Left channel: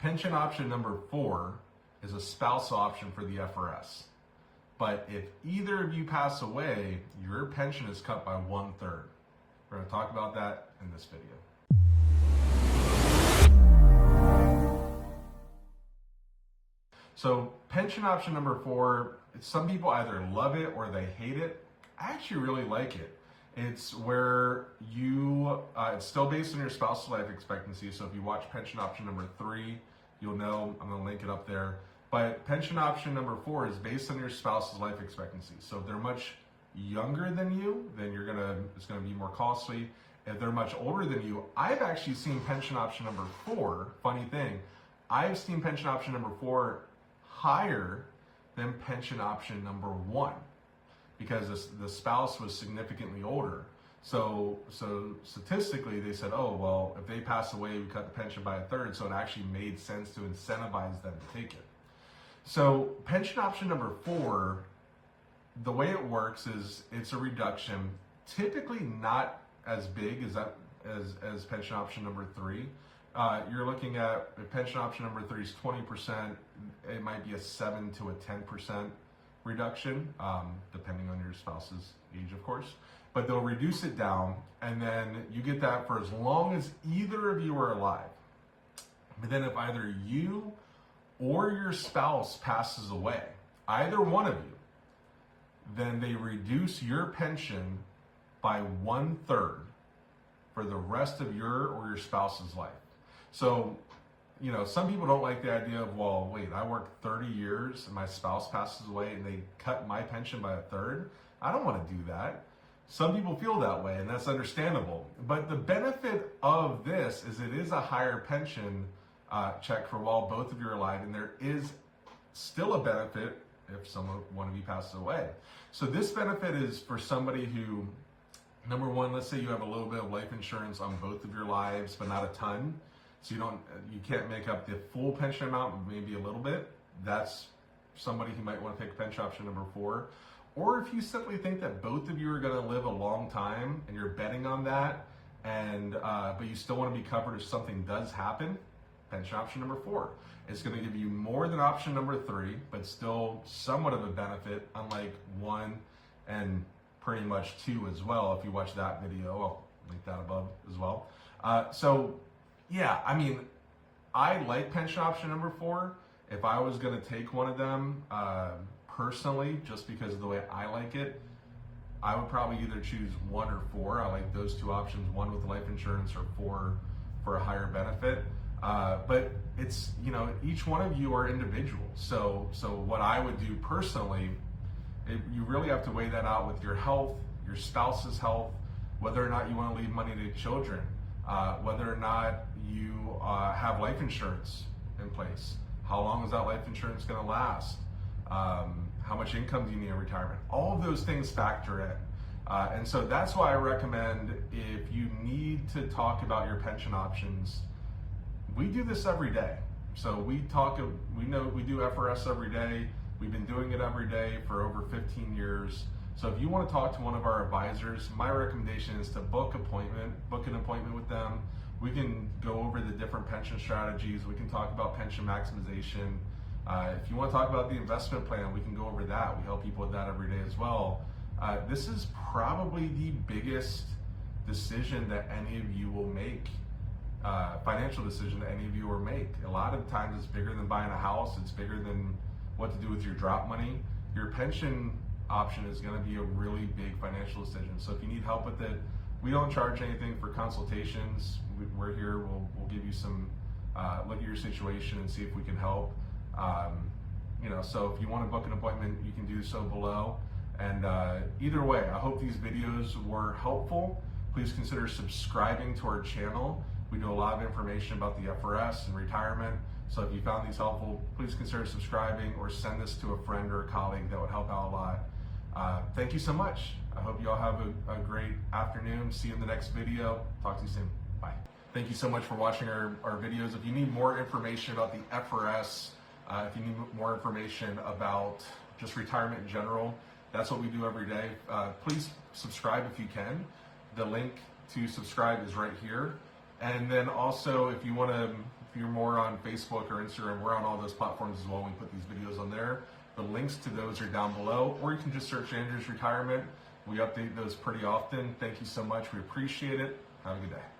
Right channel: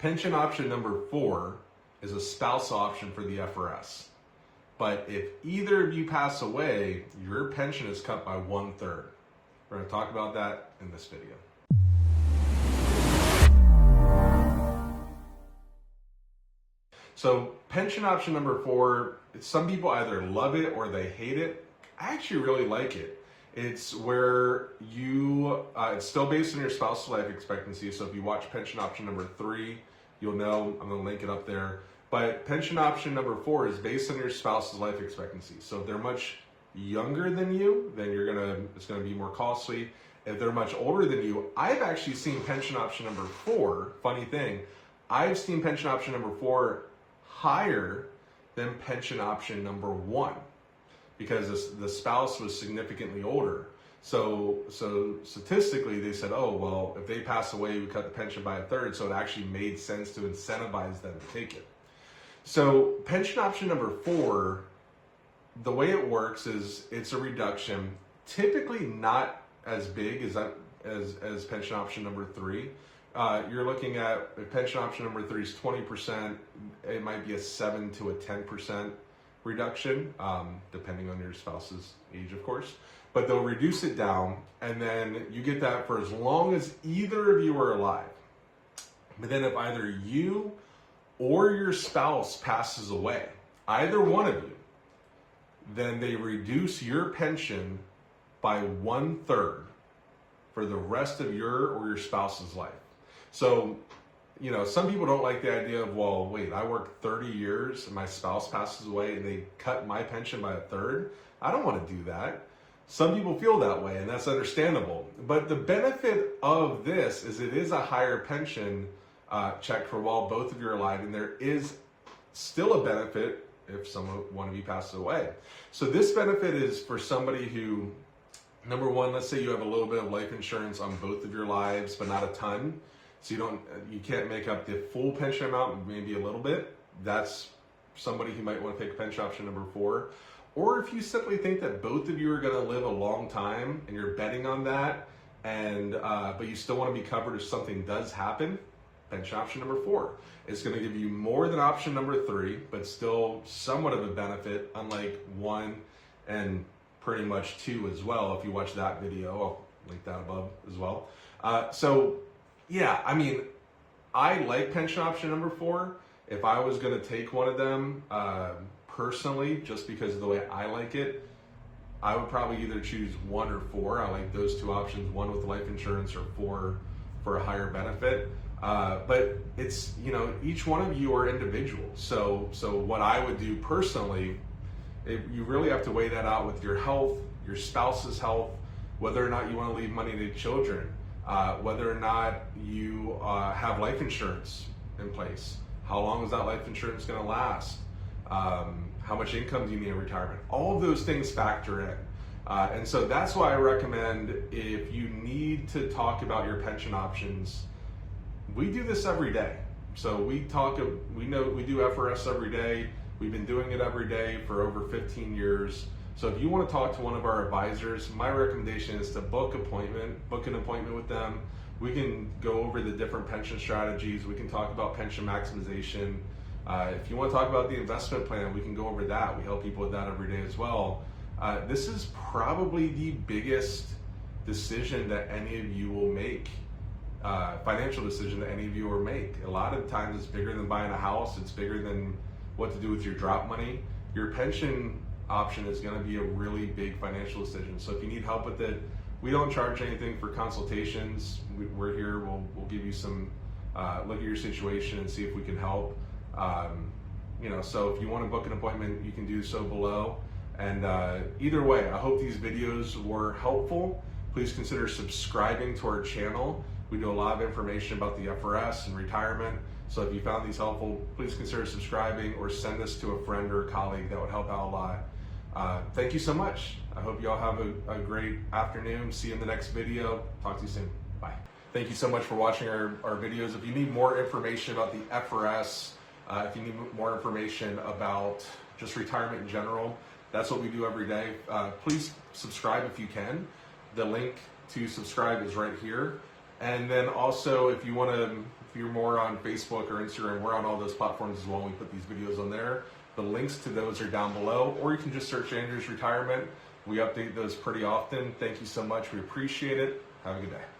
Pension option number 4 is a spousal option for the FRS. But if either of you pass away, your pension is cut by 1/3. We're going to talk about that in this video. So pension option number 4, some people either love it or they hate it. I actually really like it. It's where it's still based on your spousal life expectancy. So if you watch pension option number 3, you'll know, I'm gonna link it up there. But pension option number 4 is based on your spouse's life expectancy. So if they're much younger than you, then it's gonna be more costly. If they're much older than you, I've actually seen pension option number 4, funny thing, I've seen pension option number 4 higher than pension option number 1 because the spouse was significantly older. So statistically, they said, oh, well, if they pass away, we cut the pension by 1/3. So it actually made sense to incentivize them to take it. So pension option number 4, the way it works is it's a reduction, typically not as big as pension option number 3. You're looking at, if pension option number 3 is 20%, it might be a 7 to a 10% reduction, depending on your spouse's age, of course. But they'll reduce it down, and then you get that for as long as either of you are alive. But then if either you or your spouse passes away, either one of you, then they reduce your pension by 1/3 for the rest of your or your spouse's life. So, some people don't like the idea of, well, wait, I worked 30 years and my spouse passes away and they cut my pension by 1/3. I don't want to do that. Some people feel that way, and that's understandable. But the benefit of this is it is a higher pension check for while both of you are alive, and there is still a benefit if one of you passes away. So this benefit is for somebody who, number one, let's say you have a little bit of life insurance on both of your lives, but not a ton. So you can't make up the full pension amount, maybe a little bit. That's somebody who might want to take pension option number 4. Or if you simply think that both of you are going to live a long time and you're betting on that, but you still want to be covered if something does happen, pension option number 4 is going to give you more than option number 3, but still somewhat of a benefit, unlike 1 and pretty much 2 as well. If you watch that video, I'll link that above as well. Yeah, I like pension option number 4. If I was going to take one of them, personally, just because of the way I like it, I would probably either choose 1 or 4. I like those 2 options, 1 with life insurance or 4 for a higher benefit. But it's, each one of you are individuals. So what I would do personally, you really have to weigh that out with your health, your spouse's health, whether or not you want to leave money to children, whether or not you have life insurance in place. How long is that life insurance going to last? How much income do you need in retirement? All of those things factor in. And so that's why I recommend, if you need to talk about your pension options, we do this every day. So we do FRS every day. We've been doing it every day for over 15 years. So if you want to talk to one of our advisors, my recommendation is to book an appointment with them. We can go over the different pension strategies. We can talk about pension maximization. If you want to talk about the investment plan, we can go over that. We help people with that every day as well. This is probably the biggest decision that any of you will make, financial decision that any of you will make. A lot of times it's bigger than buying a house. It's bigger than what to do with your drop money. Your pension option is going to be a really big financial decision. So if you need help with it, we don't charge anything for consultations. We're here. We'll give you some look at your situation and see if we can help. So if you want to book an appointment, you can do so below. And either way, I hope these videos were helpful. Please consider subscribing to our channel. We do a lot of information about the FRS and retirement. So if you found these helpful, please consider subscribing or send this to a friend or a colleague. That would help out a lot. Thank you so much. I hope you all have a great afternoon. See you in the next video. Talk to you soon. Bye. Thank you so much for watching our videos. If you need more information about the FRS, if you need more information about just retirement in general, that's what we do every day. Please subscribe if you can. The link to subscribe is right here. And then also, if you want to If you're more on Facebook or Instagram, we're on all those platforms as well. We put these videos on there. The links to those are down below, or you can just search Anders Retirement. We update those pretty often. Thank you so much. We appreciate it. Have a good day.